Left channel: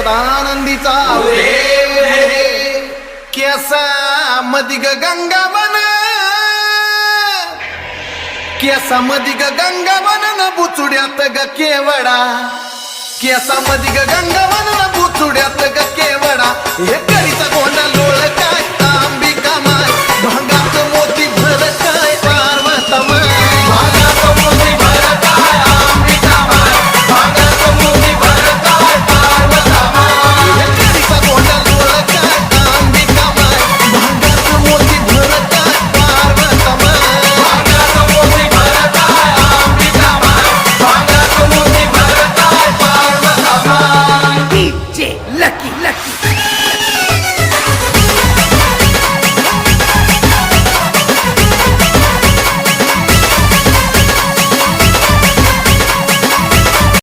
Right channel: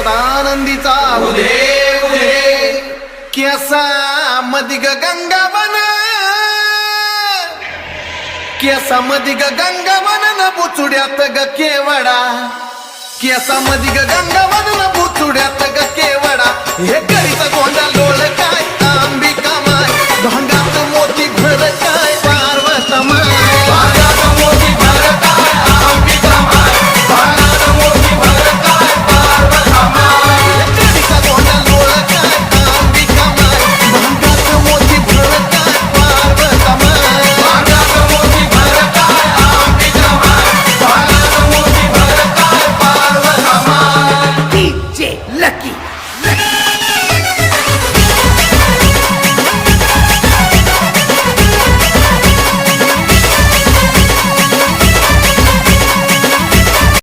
सदानंदीचा उदे उदे केसा मदिग गंगावन केसा मदिग गंगावन न बुचुड्यात ग केवडा केसा मदिग गंगावन न बुचुड्यात ग केवडा हे करीचा गोंडा लोळ काय अंबिका माय भांगात मोती भर काय पार्वता माय